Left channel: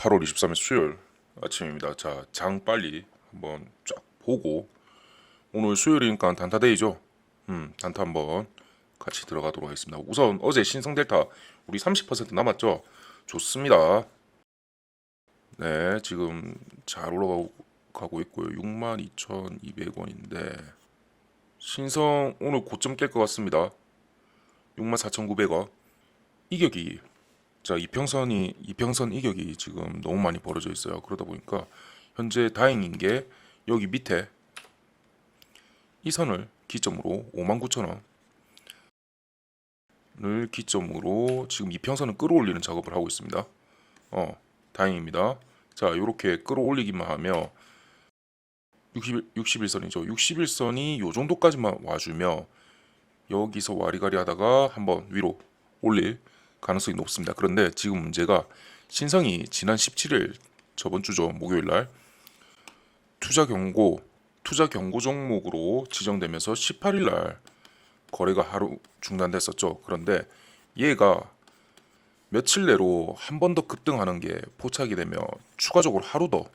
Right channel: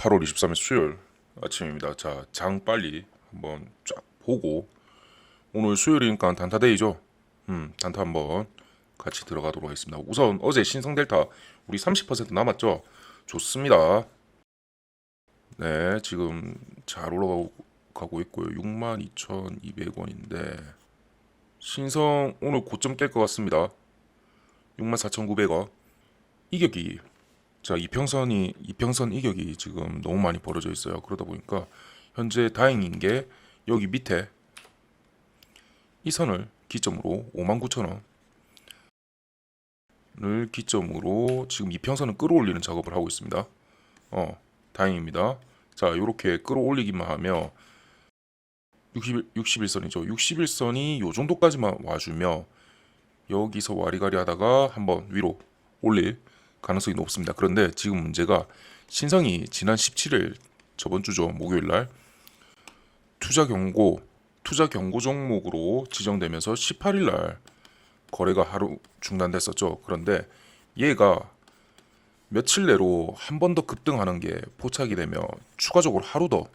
8월 23일 수요일 아침입니다. 자, 장 빨리 한번 쫙 보고 오늘 수요일이니까 단타데이죠. 단타 한번 같이 들어가도록 하겠습니다. 우선 어제 신성델타 우리 30% 남았죠. 좋습니다. 네, 지금 잘 올라가고 있고요. 62,200원인데 신성 오늘 고점 깰 것 같습니다. 64,900원. 이격이 이평선 이격이 지금 너무 많이 벌어져 있어요. 그러다 보니까 현재 다행인 게 여기 밑에 이 선을 기점으로 59,000원을 기점으로 지금 이평선을 끌어올리는 작업을 하고 있습니다. 다행입니다. 자, 이렇게 끌어올리기만 하면 61선이죠. 61선이 요 정도까지만 와주면 여기서 와리가리 하다가 한번 위로 올릴 가능성이 높습니다. 그런데 지금 문제가 신성이 지난 17일 저번 주죠. 목요일 날 투자 경고 종목으로 지정되면서 18일 날 거래가 하루 중단됐었죠. 그런데 얘가 며칠 내로 한 번 더 급등하는 게 포착이 되면 추가적으로 하루 더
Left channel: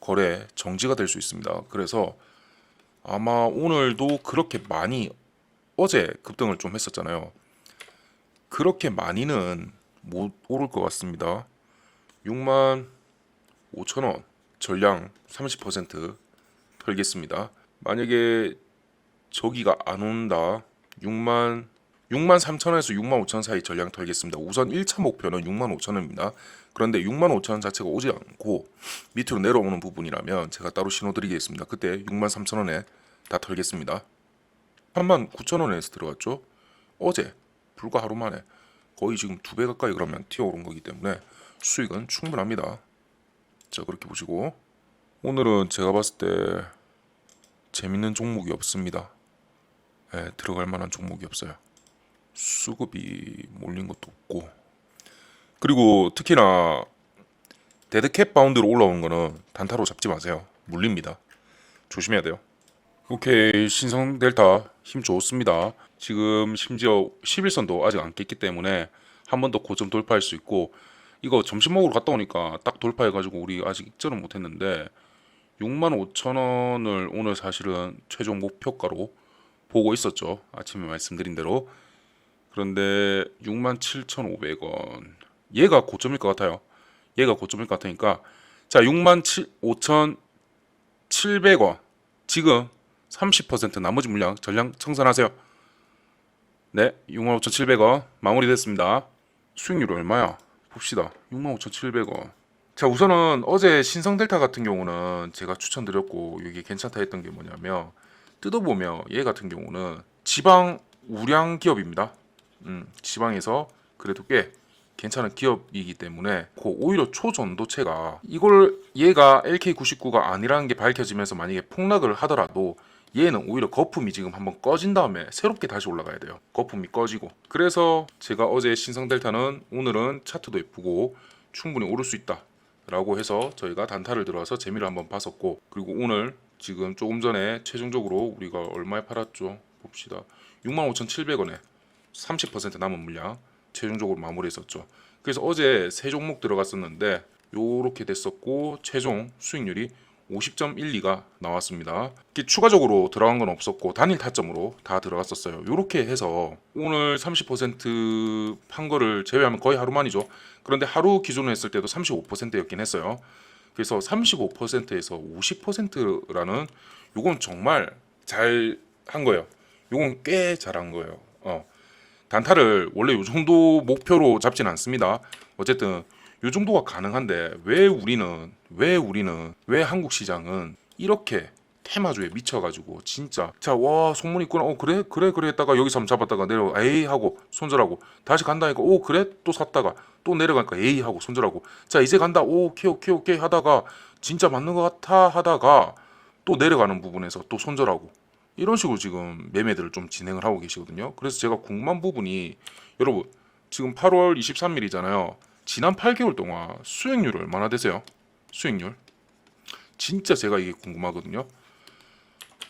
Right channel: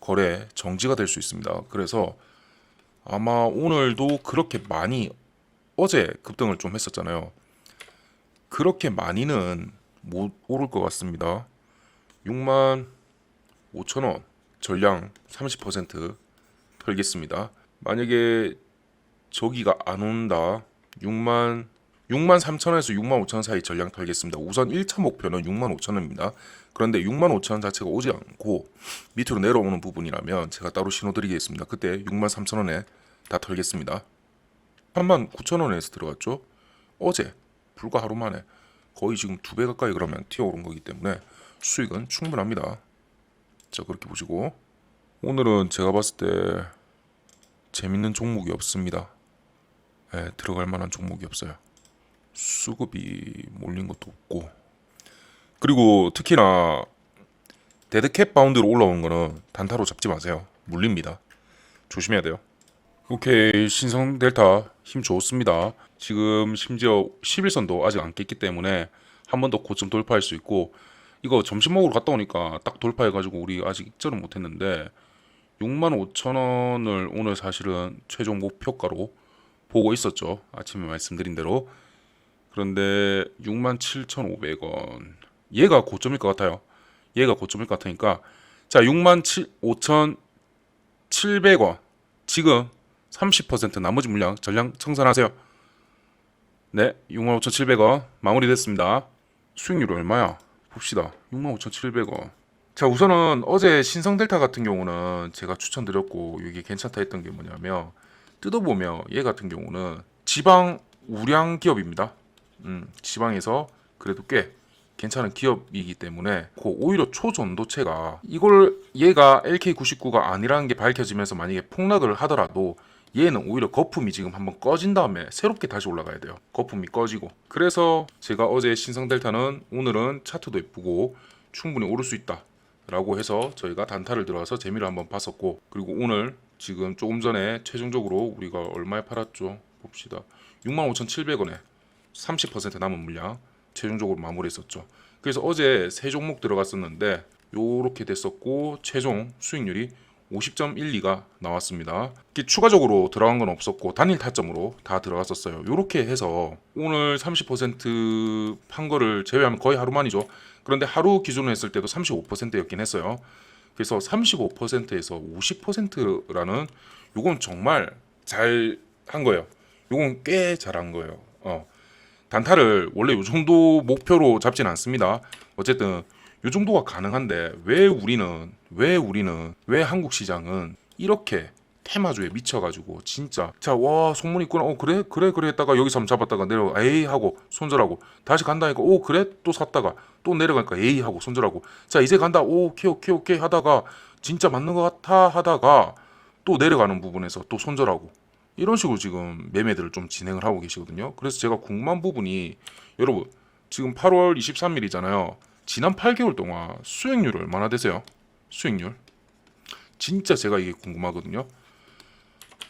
거래 정지가 될 수 있습니다. 그래서 아마 오늘도 그렇게 많이 어제 급등을 좀 했었잖아요. 그렇게 많이는 못 오를 것 같습니다. 65,000원 전량 30% 털겠습니다. 만약에 저기가 안 온다 63,000원에서 65,000원 사이 전량 털겠습니다. 우선 1차 목표는 65,000원입니다. 그런데 65,000원 자체가 오지 않고 밑으로 내려오는 부분이라면 제가 따로 신호 드리겠습니다. 그때 63,000원에 다 털겠습니다. 39,000원에서 들어갔죠. 어제 불과 하루 만에 거의 지금 2배 가까이 그러면 튀어오른 거기 때문에 수익은 충분합니다. 자, 그렇게 보시고 오늘은 제가 봤을 때 재밌는 종목이 없습니다. 네, 들어갈 만한 종목이 없어요. 수급이 몰린 것도 없고, 그리고 특히나 데드캣 바운드로 올라오는 거는 단타로 잡지 마세요. 물립니다. 조심해야 돼요. 오케이, 신성 델타 힘 좋습니다. 지금 심지어 11선도 아직 안 깼기 때문에 한 번 더 고점 돌파할 수 있고, 이거 점심 먹으러 갔다 오니까 딱 돌파해가지고 우리 아직 익절은 못했는데 65,000원을 오늘 사실은 최종 목표가로 보고 있었죠. 아침에 말씀드린 대로. 그런데 67,500원 얘가 고점일 것 같아요. 얘가 고점일 것 같으니까 자, 65,700원 지금 30% 나머지 물량 전량 청산하세요. 네, 65,700원 마무리됐습니다. 수익률 얼마야? 봅시다. 65,700원. 자, 우선은 어제 신성델타 같은 경우는 제가 추천드렸고 이게 괜찮다 했던 게 뭐냐면 뜯어보면 얘 같은 경우는 지방 우량 기업입니다. 지방에서 그래도 꽤 괜찮은 기업이기 때문에 오히려 초전도체가 이걸 얘가 LK99가 아니라는 게 밝혀지면서 만약에 폭락을 하더라도 얘는 오히려 거품이 지금 한번 꺼진 다음에 새롭게 다시 올라가야 돼요. 거품이 꺼지고. 그래서 제가 어제 신성델타는 오늘은 차트도 예쁘고 충분히 오를 수 있다 라고 해서 저희가 단타를 들어와서 재미를 한번 봤었고, 그리고 오늘 지금 조금 전에 최종적으로 우리가 얼마에 팔았죠? 봅시다. 65,700원에 30% 남은 물량 최종적으로 마무리했었죠. 그래서 어제 세 종목 들어갔었는데 요렇게 됐었고 최종 수익률이 50.12가 나왔습니다. 이렇게 추가적으로 들어간 건 없었고 단일 타점으로 다 들어갔었어요. 이렇게 해서 오늘 30%판 거를 제외하면 거의 하루 만이죠. 그런데 하루 기준으로 했을 때도 35%였긴 했어요. 그래서 35%에서 50%라는 요건 정말 잘 한 거예요. 요건 꽤 잘한 거예요. 단타를 원래 요 정도 목표로 잡진 않습니다. 어쨌든 요 정도가 가능한데 왜 한국 시장은 이렇게 테마주에 미쳐가지고 진짜 자, 와, 소문 있구나, 그래 했다가 여기서 한번 잡았다가 내려가 에이 하고 손절하고 다시 간다니까 그래 또 샀다가 또 내려갈까 에이 하고 손절하고 자 이제 간다 오케이 하다가 진짜 맞는 것 같아 하다가 또 내려가는 부분에서 또 손절하고 이런 식으로 지금 매매들을 좀 진행을 하고 계시거든요. 그래서 제가 궁금한 부분이, 여러분 지금 8월 23일이잖아요. 지난 8개월 동안 수익률이 얼마나 되세요? 수익률? 진짜 제가 이게 궁금하거든요.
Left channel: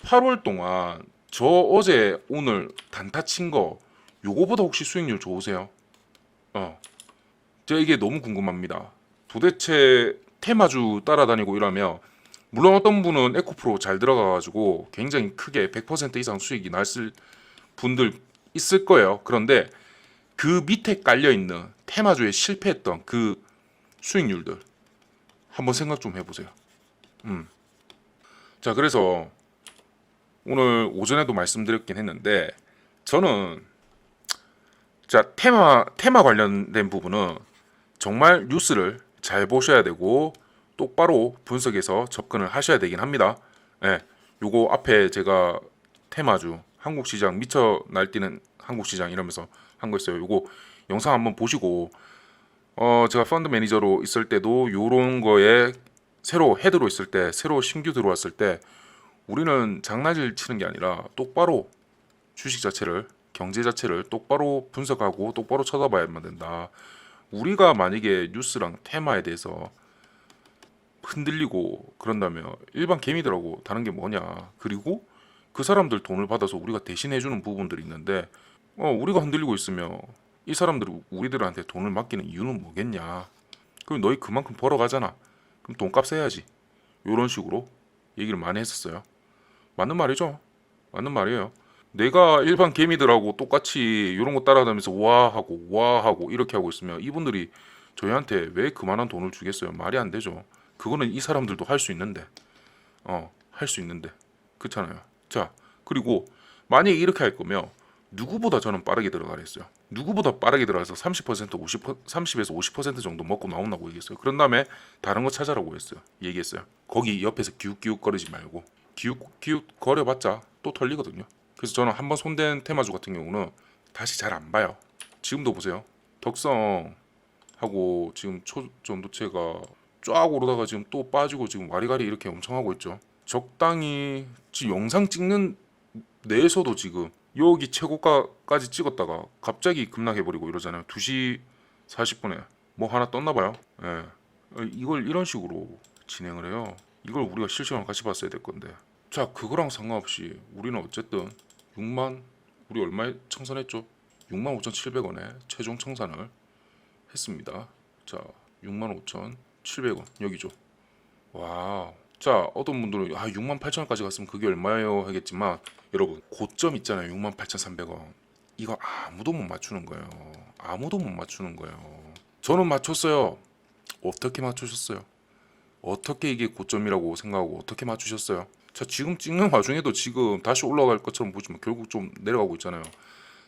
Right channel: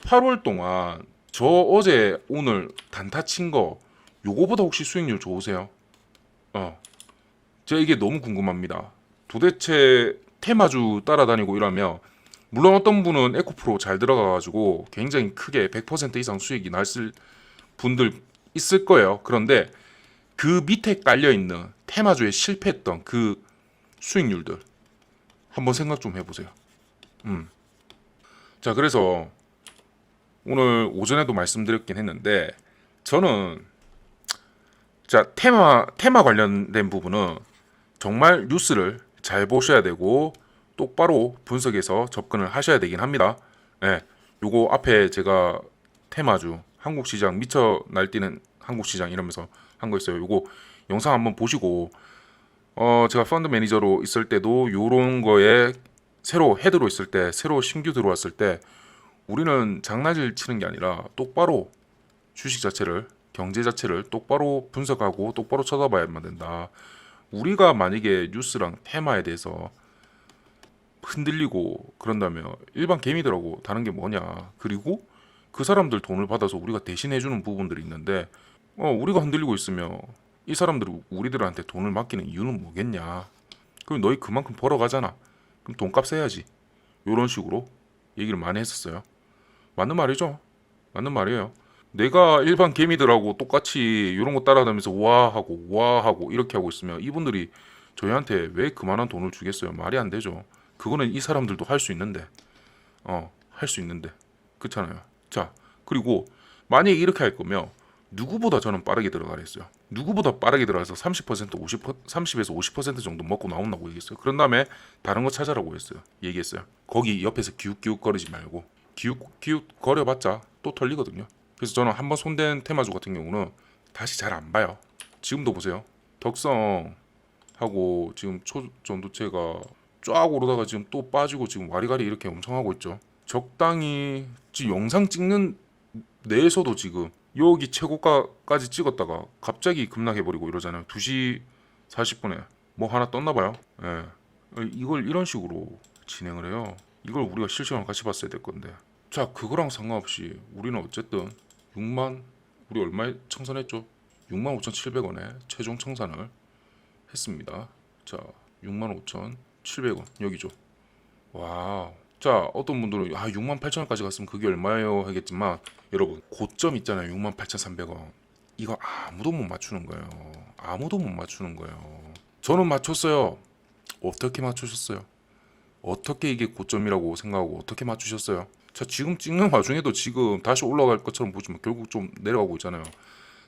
8월 동안 저 어제 오늘 단타 친 거 요거보다 혹시 수익률 좋으세요? 제가 이게 너무 궁금합니다. 도대체 테마주 따라다니고 이러면 물론 어떤 분은 에코프로 잘 들어가가지고 굉장히 크게 100% 이상 수익이 났을 분들 있을 거예요. 그런데 그 밑에 깔려있는 테마주에 실패했던 그 수익률들 한번 생각 좀 해보세요. 자, 그래서 오늘 오전에도 말씀드렸긴 했는데 저는 자 테마 관련된 부분은 정말 뉴스를 잘 보셔야 되고 똑바로 분석해서 접근을 하셔야 되긴 합니다. 예, 요거 앞에 제가 테마주 한국 시장 미쳐 날뛰는 한국 시장 이러면서 한 거 있어요. 요거 영상 한번 보시고 제가 펀드 매니저로 있을 때도 요런 거에 새로 헤드로 있을 때 새로 신규 들어왔을 때 우리는 장난질 치는 게 아니라 똑바로 주식 자체를 경제 자체를 똑바로 분석하고 똑바로 쳐다봐야만 된다. 우리가 만약에 뉴스랑 테마에 대해서 흔들리고 그런다면 일반 개미들하고 다른 게 뭐냐. 그리고 그 사람들 돈을 받아서 우리가 대신해주는 부분들이 있는데 우리가 흔들리고 있으면 이 사람들은 우리들한테 돈을 맡기는 이유는 뭐겠냐. 그럼 너희 그만큼 벌어가잖아. 그럼 돈값 써야지. 이런 식으로 얘기를 많이 했었어요. 맞는 말이죠. 맞는 말이에요. 내가 일반 개미들하고 똑같이 이런 거 따라다니면서 와 하고 이렇게 하고 있으면 이분들이 저희한테 왜 그만한 돈을 주겠어요? 말이 안 되죠. 그거는 이 사람들도 할 수 있는데 할 수 있는데 그렇잖아요. 자, 그리고 만약에 이렇게 할 거면 누구보다 저는 빠르게 들어가라 했어요. 누구보다 빠르게 들어가서 30% 30에서 50% 정도 먹고 나온다고 얘기했어요. 그런 다음에 다른 거 찾아라고 했어요. 얘기했어요. 거기 옆에서 기웃기웃 거리지 말고 기웃기웃 거려봤자 또 털리거든요. 그래서 저는 한번 손댄 테마주 같은 경우는 다시 잘 안 봐요. 지금도 보세요. 덕성하고 지금 초전도체가 쫙 오르다가 지금 또 빠지고 지금 와리가리 이렇게 엄청 하고 있죠. 적당히 지금 영상 찍는 내에서도 지금 여기 최고가까지 찍었다가 갑자기 급락해버리고 이러잖아요. 2시 40분에 뭐 하나 떴나봐요. 예. 이걸 이런 식으로 진행을 해요. 이걸 우리가 실시간으로 같이 봤어야 될 건데. 자, 그거랑 상관없이 우리는 어쨌든 6만 우리 얼마에 청산했죠? 65,700원에 최종 청산을 했습니다. 자, 65,700원 여기죠. 와. 자, 어떤 분들은 68,000원까지 갔으면 그게 얼마예요 하겠지만 여러분 고점 있잖아요. 68,300원. 이거 아무도 못 맞추는 거예요. 아무도 못 맞추는 거예요. 저는 맞췄어요. 어떻게 맞추셨어요? 어떻게 이게 고점이라고 생각하고 어떻게 맞추셨어요? 자, 지금 찍는 와중에도 지금 다시 올라갈 것처럼 보지만 결국 좀 내려가고 있잖아요.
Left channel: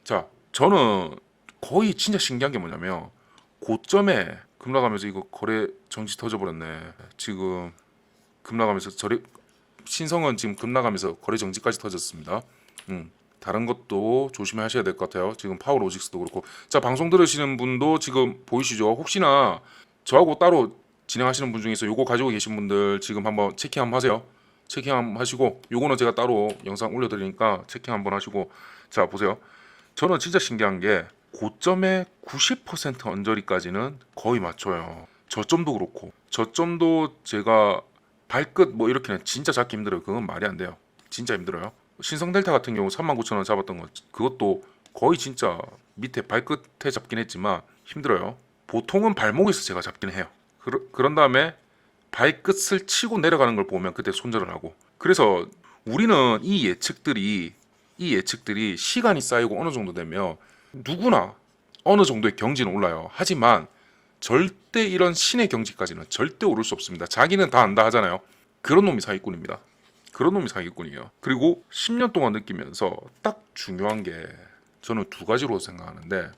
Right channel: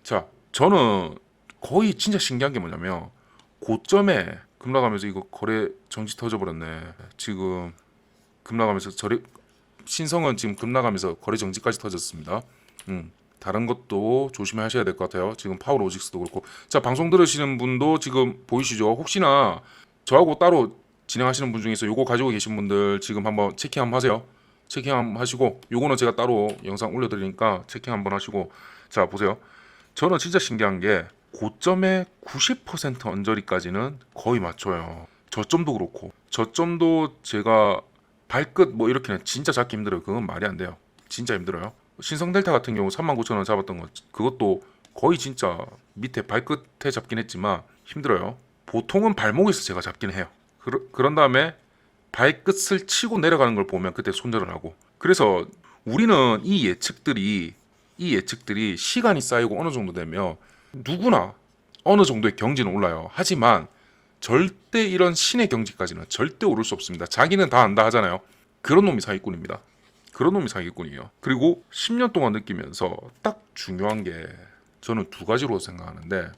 자, 저는 거의 진짜 신기한 게 뭐냐면 고점에 급락하면서 이거 거래 정지 터져버렸네. 지금 급락하면서 신성은 지금 급락하면서 거래 정지까지 터졌습니다. 다른 것도 조심하셔야 될 것 같아요. 지금 파워로직스도 그렇고. 자, 방송 들으시는 분도 지금 보이시죠? 혹시나 저하고 따로 진행하시는 분 중에서 요거 가지고 계신 분들 지금 한번 체킹 한번 하세요. 체킹 한번 하시고 요거는 제가 따로 영상 올려드리니까 체킹 한번 하시고. 자, 보세요. 저는 진짜 신기한 게 고점의 90% 언저리까지는 거의 맞춰요. 저점도 그렇고 저점도 제가 발끝 뭐 이렇게는 진짜 잡기 힘들어요. 그건 말이 안 돼요. 진짜 힘들어요. 신성델타 같은 경우 39,000원 잡았던 것 그것도 거의 진짜 밑에 발끝에 잡긴 했지만 힘들어요. 보통은 발목에서 제가 잡긴 해요. 그런 다음에 발끝을 치고 내려가는 걸 보면 그때 손절을 하고. 그래서 우리는 이 예측들이 시간이 쌓이고 어느 정도 되면 누구나 어느 정도의 경지는 올라요. 하지만 절대 이런 신의 경지까지는 절대 오를 수 없습니다. 자기는 다 안다 하잖아요. 그런 놈이 사기꾼입니다. 그런 놈이 사기꾼이에요. 그리고 10년 동안 느끼면서 딱 중요한 게 저는 두 가지로 생각하는데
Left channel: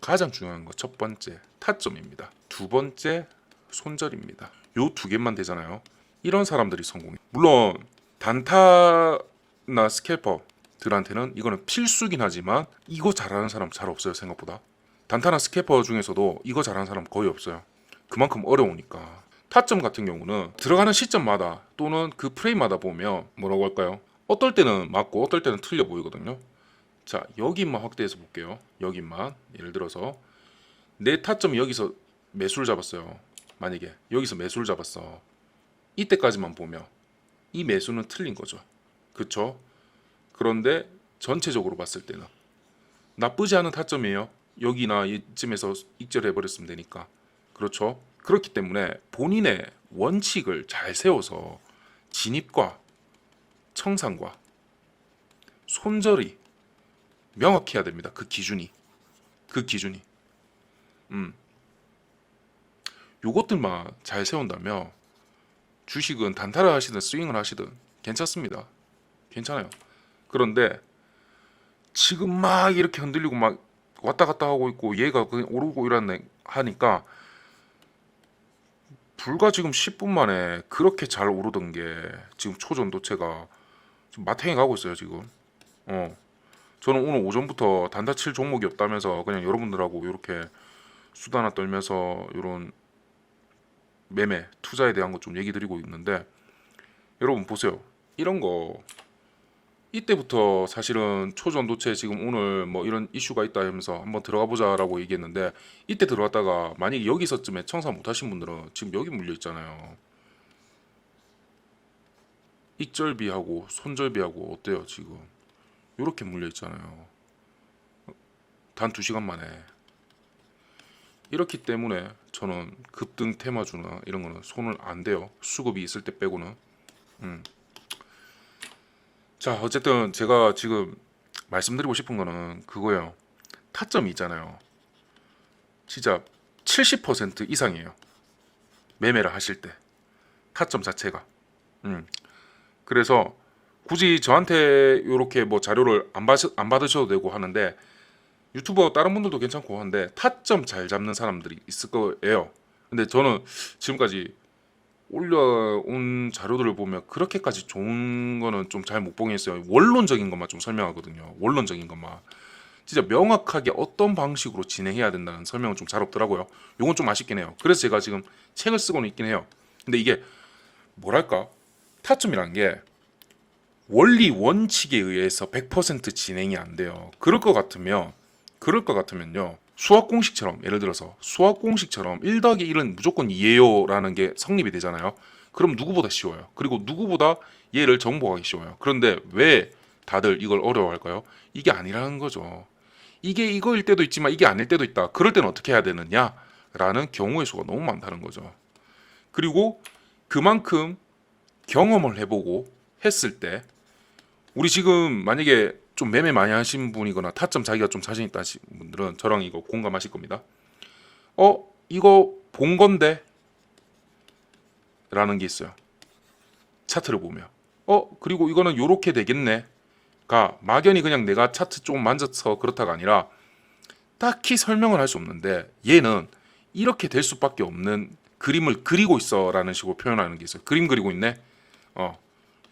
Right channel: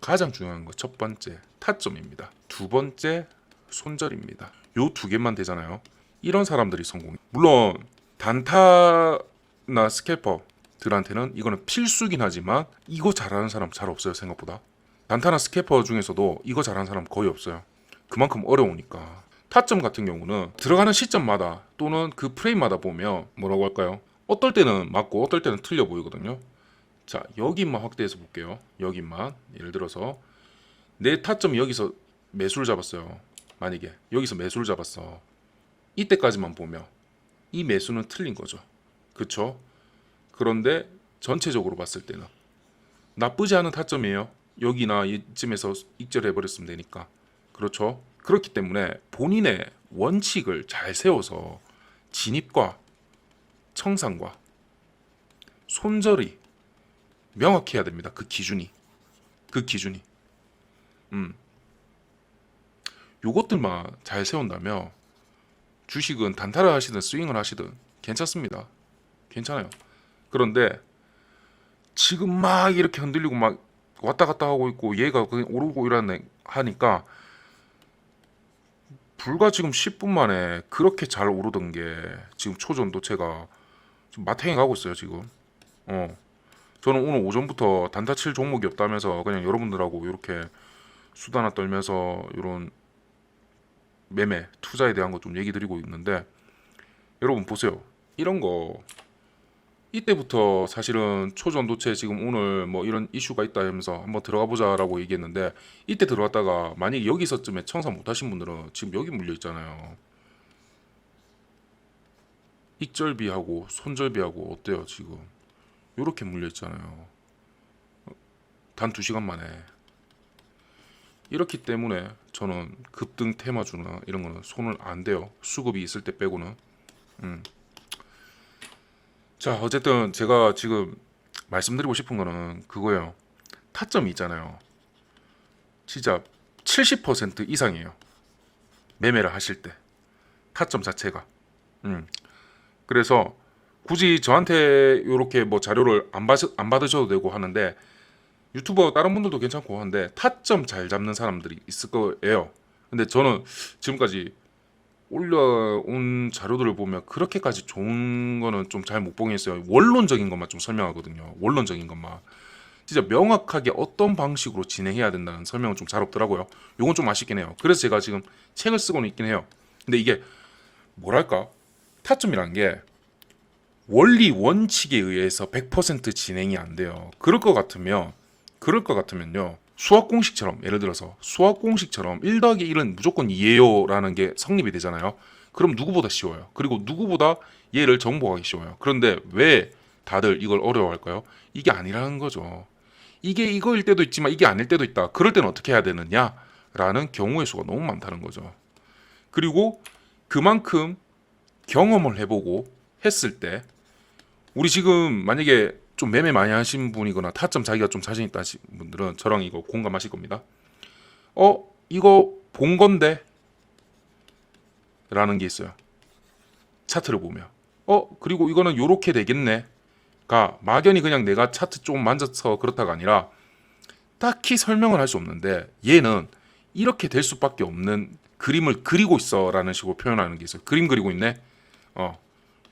가장 중요한 거 첫 번째 타점입니다. 두 번째 손절입니다. 요 두 개만 되잖아요. 이런 사람들이 성공해. 물론 단타나 스캘퍼들한테는 이거는 필수긴 하지만 이거 잘하는 사람 잘 없어요. 생각보다. 단타나 스캐퍼 중에서도 이거 잘하는 사람 거의 없어요. 그만큼 어려우니까. 타점 같은 경우는 들어가는 시점마다 또는 그 프레임마다 보면 뭐라고 할까요? 어떨 때는 맞고 어떨 때는 틀려 보이거든요. 자, 여기만 확대해서 볼게요. 여기만 예를 들어서 내 타점이 여기서 매수를 잡았어요. 만약에 여기서 매수를 잡았어. 이때까지만 보면 이 매수는 틀린 거죠. 그쵸? 그런데 전체적으로 봤을 때는 나쁘지 않은 타점이에요. 여기나 이쯤에서 익절해 버렸으면 되니까. 그렇죠? 그렇기 때문에 본인의 원칙을 잘 세워서 진입과 청산과 손절이 명확해야 됩니다. 그 기준이. 요것들만 잘 세운다면 주식은 단타를 하시든 스윙을 하시든 괜찮습니다. 괜찮아요. 그런데 지금 막 이렇게 흔들리고 막 왔다 갔다 하고 있고 얘가 그냥 오르고 이러네 하니까 불과 지금 10분 만에 그렇게 잘 오르던 게 지금 초전도체가 지금 마탱이 가고 있어요 지금. 저는 오늘 오전부터 단타 칠 종목이 없다면서 그냥 여러분들하고 이렇게 수다나 떨면서 이런 매매 투자에 대한 거 좀 얘기 드리고 있는데, 여러분 보세요. 이런 거 이때부터 사실은 초전도체 지금 오늘 뭐 이런 이슈가 있다 하면서 한번 들어가 보자라고 얘기했는데, 이때 들어갔다가 만약에 여기서쯤에 청사 못 하신 분들은 지금 여기 물려 있잖아요. 익절비하고 손절비하고 어때요 지금? 이렇게 물려 있잖아요. 단 2시간 만에. 이렇기 때문에 저는 급등 테마주나 이런 거는 손을 안 대요. 수급이 있을 때 빼고는. 자, 어쨌든 제가 지금 말씀드리고 싶은 거는 그거예요. 타점이 있잖아요. 진짜 70% 이상이에요. 매매를 하실 때. 타점 자체가. 그래서 굳이 저한테 이렇게 뭐 자료를 안 받으셔도 되고 하는데, 유튜버 다른 분들도 괜찮고 한데 타점 잘 잡는 사람들이 있을 거예요. 근데 저는 지금까지 올려온 자료들을 보면 그렇게까지 좋은 거는 좀 잘 못 보겠어요. 원론적인 것만 좀 설명하거든요. 원론적인 것만. 진짜 명확하게 어떤 방식으로 진행해야 된다는 설명은 좀 잘 없더라고요. 요건 좀 아쉽긴 해요. 그래서 제가 지금 책을 쓰고는 있긴 해요. 근데 이게 뭐랄까? 타점이라는 게 원리 원칙에 의해서 100% 진행이 안 돼요. 그럴 것 같으면요. 수학 공식처럼, 예를 들어서 수학 공식처럼 1 더하기 1은 무조건 2예요라는 게 성립이 되잖아요. 그럼 누구보다 쉬워요. 그리고 누구보다 얘를 정복하기 쉬워요. 그런데 왜 다들 이걸 어려워할까요? 이게 아니라는 거죠. 이게 이거일 때도 있지만 이게 아닐 때도 있다. 그럴 때는 어떻게 해야 되느냐라는 경우의 수가 너무 많다는 거죠. 그리고 그만큼 경험을 해보고 했을 때, 우리 지금 만약에 좀 매매 많이 하신 분이거나 타점 자기가 좀 자신 있다 하신 분들은 저랑 이거 공감하실 겁니다. 이거 본 건데 라는 게 있어요. 차트를 보면 그리고 이거는 요렇게 되겠네 가 막연히 그냥 내가 차트 좀 만져서 그렇다가 아니라 딱히 설명을 할 수 없는데, 얘는 이렇게 될 수밖에 없는 그림을 그리고 있어 라는 식으로 표현하는 게 있어요. 그림 그리고 있네.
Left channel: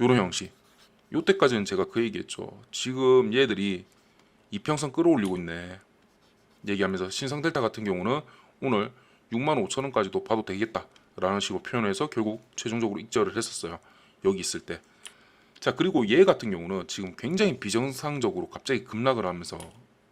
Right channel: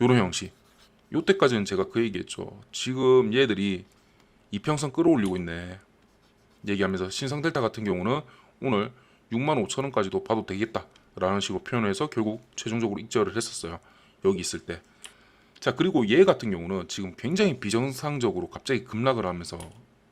요런 형식. 요때까지는 제가 그 얘기했죠. 지금 얘들이 이평선 끌어올리고 있네 얘기하면서, 신성델타 같은 경우는 오늘 65,000원까지도 봐도 되겠다 라는 식으로 표현해서 결국 최종적으로 익절을 했었어요. 여기 있을 때. 자, 그리고 얘 같은 경우는 지금 굉장히 비정상적으로 갑자기 급락을 하면서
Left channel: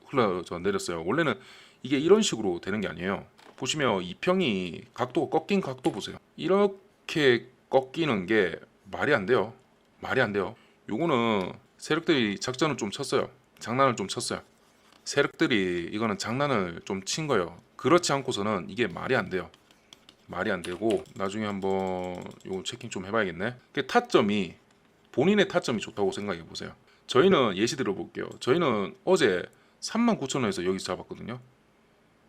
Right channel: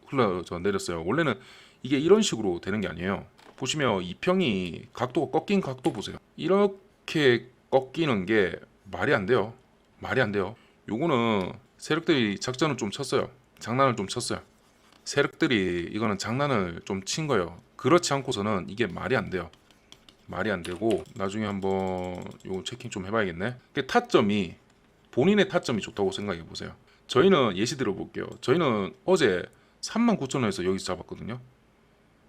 흘러 내렸어요. 원래는 이게 이런 식으로 되는 게 아니에요. 보시면 이평이 각도가 꺾인 각도 보세요. 이렇게 꺾이는 게 말이 안 돼요. 말이 안 돼요. 요거는 세력들이 작전을 좀 쳤어요. 장난을 좀 쳤어요. 세력들이 이거는 장난을 좀 친 거예요. 그렇지 않고서는 이게 말이 안 돼요. 말이 안 되고, 나중에 한번 요거 체킹 좀 해봐야겠네. 타점이, 본인의 타점이 좋다고 생각해 보세요. 저희는 예시 들어볼게요. 저희는 어제 39,000원에서 여기서 잡았거든요.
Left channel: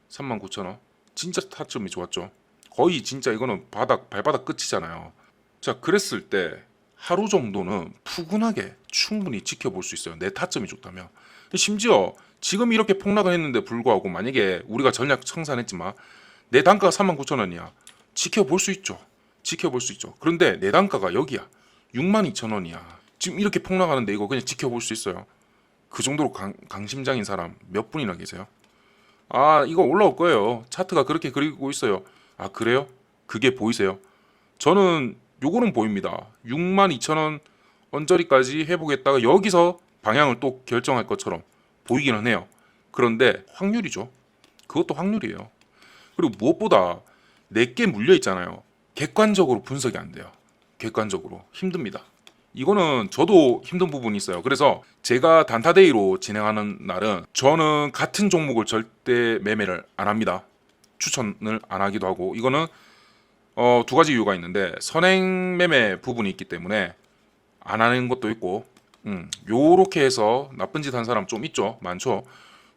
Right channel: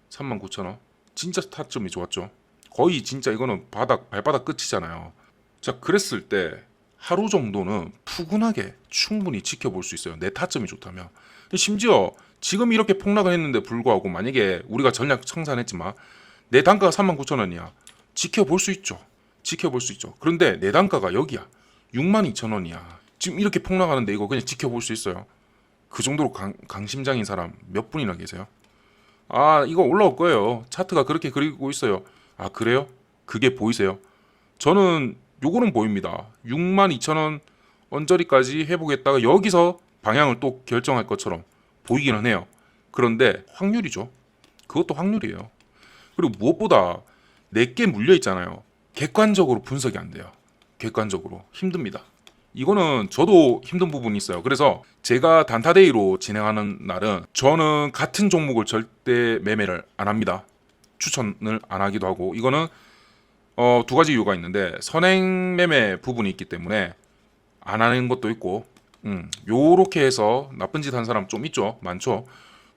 39,000원. 진짜 타점이 좋았죠. 거의 진짜 이거는 발바닥 끝이잖아요. 자, 그랬을 때 하루 정도는 푸근하게 충분히 지켜볼 수 있어요. 내 타점이 좋다면. 심지어 지금 이렇게 폭락을 했는데 불구하고 만약에 우리가 전략 청산했지만 내 단가가 39,000원이야. 지켜볼 수 있죠. 지켜볼 수 있죠. 그런데 내 단가가 여기야. 62,000원이야. 지금 이렇게 폭락하는데 이거 그냥 지켜볼 수 있어요. 그 정도로 강심장인 사람 몇 분이나 계세요? 이거 올라올 거예요. 차트가 그렇게 그리고 있어요. 그래요? 그게 보이세요? 저는 요거는 보입니다. 62,000원 언저리까지 해보겠다가 여기서 방향을 또 결정할 것처럼 보이기는 해요. 그런데 확률이죠. 그것도 확률이에요. 그리고 무엇보다 내게 물려 있잖아요. 객관적으로 분석이 안 돼요. 객관적으로 힘듭니다. 이거는 저도 힘든 부분이 있어요. 그래서 제가 단타데이로 진행하는 날은 저는 같은 종목을 절대 매매를 안 합니다. 추천을 안 하기도 하고, 이거는 두 가지 이유가 있는데, 선행 매매 부분이 있기 때문에 안 하는 것도 있고, 요렇게 해서 나쁜 짓 한 사람 좀 있죠. 많죠.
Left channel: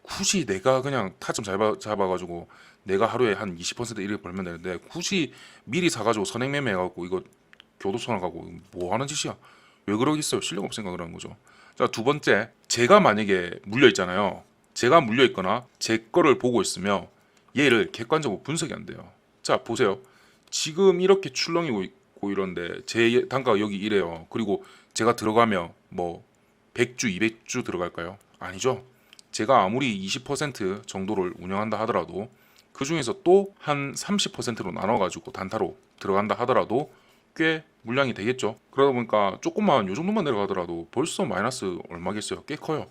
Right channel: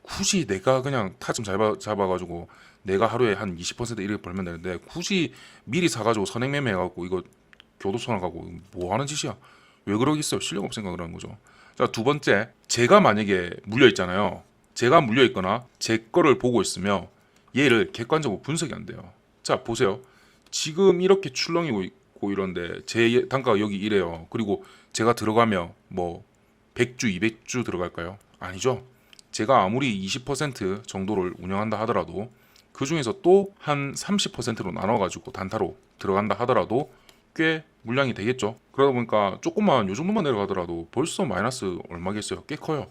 굳이 내가 그냥 타점 잡아가지고 내가 하루에 한 20% 이렇게 벌면 되는데, 굳이 미리 사가지고 선행 매매 해갖고 이거 교도소나 가고 뭐 하는 짓이야. 왜 그러겠어요. 실력 없 생각을 하는 거죠. 자, 두 번째, 제가 만약에 물려 있잖아요. 제가 물려 있거나 제 거를 보고 있으면 얘를 객관적으로 분석이 안 돼요. 자, 보세요. 지금 이렇게 출렁이고 있고 이런데 제 단가가 여기 이래요. 그리고 제가 들어가면 뭐 100주, 200주 들어갈까요? 아니죠. 제가 아무리 20% 정도를 운영한다 하더라도 그 중에서 또 한 30%로 나눠가지고 단타로 들어간다 하더라도 꽤 물량이 되겠죠. 그러다 보니까 조금만 요 정도만 내려가더라도 벌써 마이너스 얼마겠어요? 꽤 커요.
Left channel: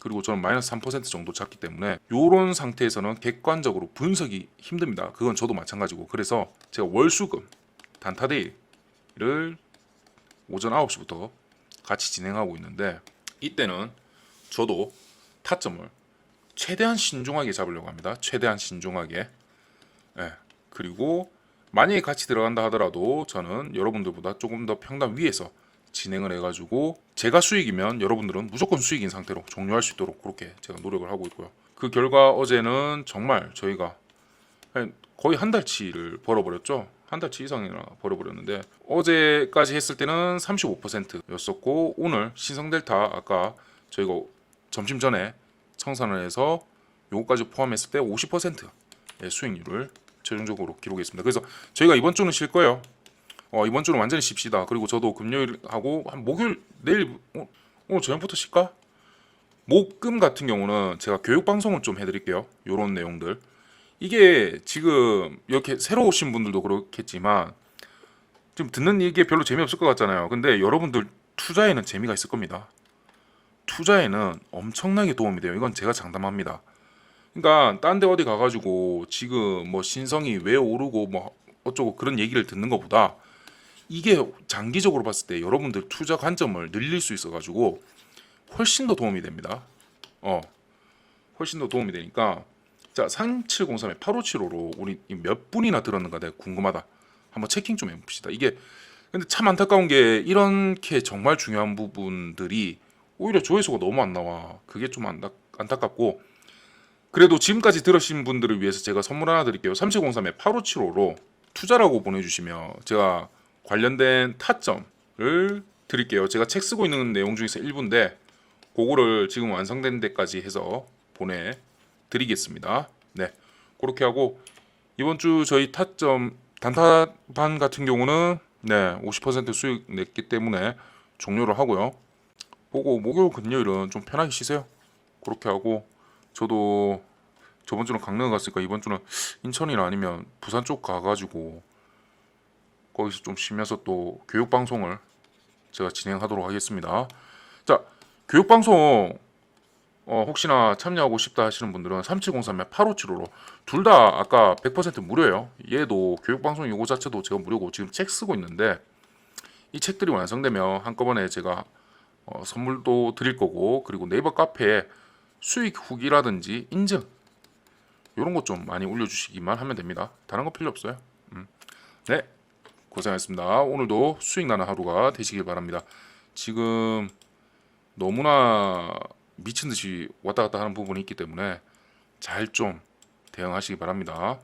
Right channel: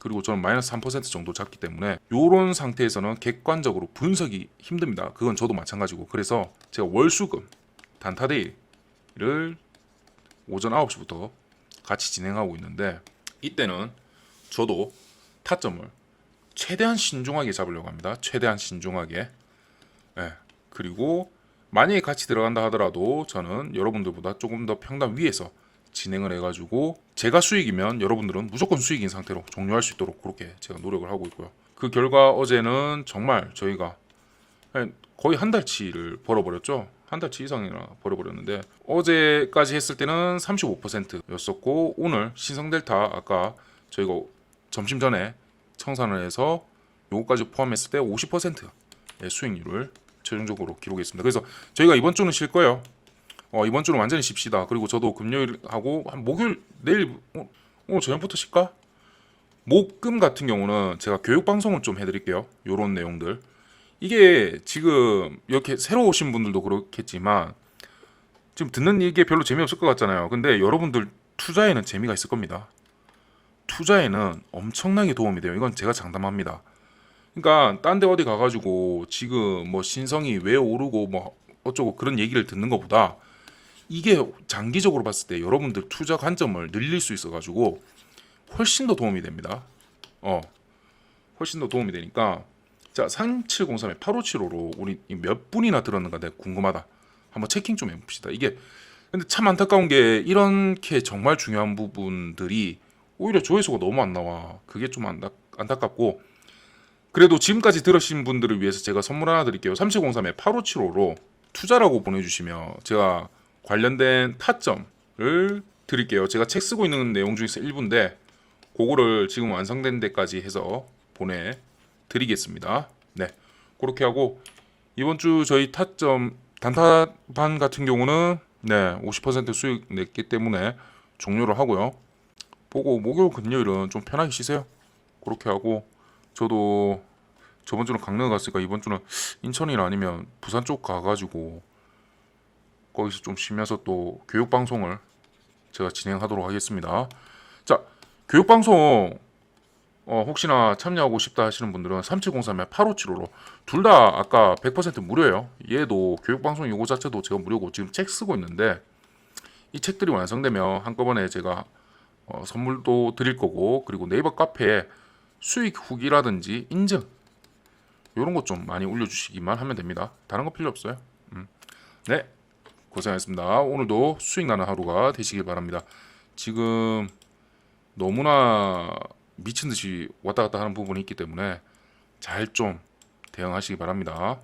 그리고 저는 마이너스 3% 정도 잡기 때문에 요런 상태에서는 객관적으로 분석이 힘듭니다. 그건 저도 마찬가지고. 그래서 제가 월수금 단타데이를 오전 9시부터 같이 진행하고 있는데, 이때는 저도 타점을 최대한 신중하게 잡으려고 합니다. 최대한 신중하게. 네. 그리고 만약에 같이 들어간다 하더라도 저는 여러분들보다 조금 더 평단 위에서 진행을 해가지고 제가 수익이면 여러분들은 무조건 수익인 상태로 종료할 수 있도록 그렇게 제가 노력을 하고 있고요. 그 결과 어제는 정말 저희가 거의 한 달치를 벌어버렸죠. 한 달치 이상이나 벌어버렸는데, 어제까지 했을 때는 35%였었고 오늘 신성델타 아까 저희가 점심 전에 청산을 해서 요거까지 포함했을 때 50% 수익률을 최종적으로 기록했습니다. 그래서 저희가 이번 주는 쉴 거예요. 이번 주는 완전히 쉽시다. 그리고 저도 금요일하고 목요일 내일 오늘 저녁부터 쉴까? 목금 같은 경우는 제가 교육 방송을 좀 해드릴게요. 요런 내용들. 이게 지금 이렇게 새로 오신 분들도 그렇겠지만 지금 듣는 이게 별로 재미없을 것 같잖아요. 근데 여러분들 투자에는 재미가 있을 겁니다. 투자에는 엄청나게 도움이 돼요. 이건 제가 장담합니다. 그러니까 딴 데 어디 가가지고 지금 뭐 신성이 왜 오르고 뭐 어쩌고 그런 얘기를 듣는 것보다 이게 장기적으로 봤을 때 여러분들 투자 관점을 늘릴 수 있어가지고 훨씬 더 도움이 됩니다. 훨씬 더 도움이 되니까. 자, 3703에 8575로 우리 몇 분이나 들었는가 내가 궁금하다. 한번 체킹 좀 해봅시다. 이게 근데 참 안타까운 게 이렇게 정말 중요한 부분들이 오히려 조회수가 너무 안 나와. 그게 좀 안타깝고, 그래도 지금까지 들으신 분들을 위해서 제가 선물 하나 드릴게요. 3703에 8575로 투자라고 보내주시면 제가 관련된 타점을 드릴게요. 제가 책 쓰고 있는 내용 중에서 일부인데 그거를 지금 완성된 데까지 해서 보내드리겠습니다. 네, 그렇게 하고 이번 주 저희 타점 단타반 같은 경우는 50% 수익 냈기 때문에 종료를 하고요. 보고 목요일 금요일은 좀 편하게 쉬세요. 그렇게 하고 저도 저번 주는 강릉 갔으니까 이번 주는 인천이나 아니면 부산 쪽 가가지고 거기서 좀 쉬면서 또 교육 방송을 제가 진행하도록 하겠습니다. 자, 교육 방송 혹시나 참여하고 싶다 하시는 분들은 3703에 8575로 둘 다 아까 100% 무료예요. 얘도 교육 방송 이거 자체도 제가 무료고 지금 책 쓰고 있는데 이 책들이 완성되면 한꺼번에 제가 선물도 드릴 거고, 그리고 네이버 카페에 수익 후기라든지 인증 이런 것 좀 많이 올려주시기만 하면 됩니다. 다른 거 필요 없어요. 네, 고생하셨습니다. 오늘도 수익 나는 하루가 되시길 바랍니다. 지금 너무나 미친 듯이 왔다 갔다 하는 부분이 있기 때문에 잘 좀 대응하시기 바랍니다.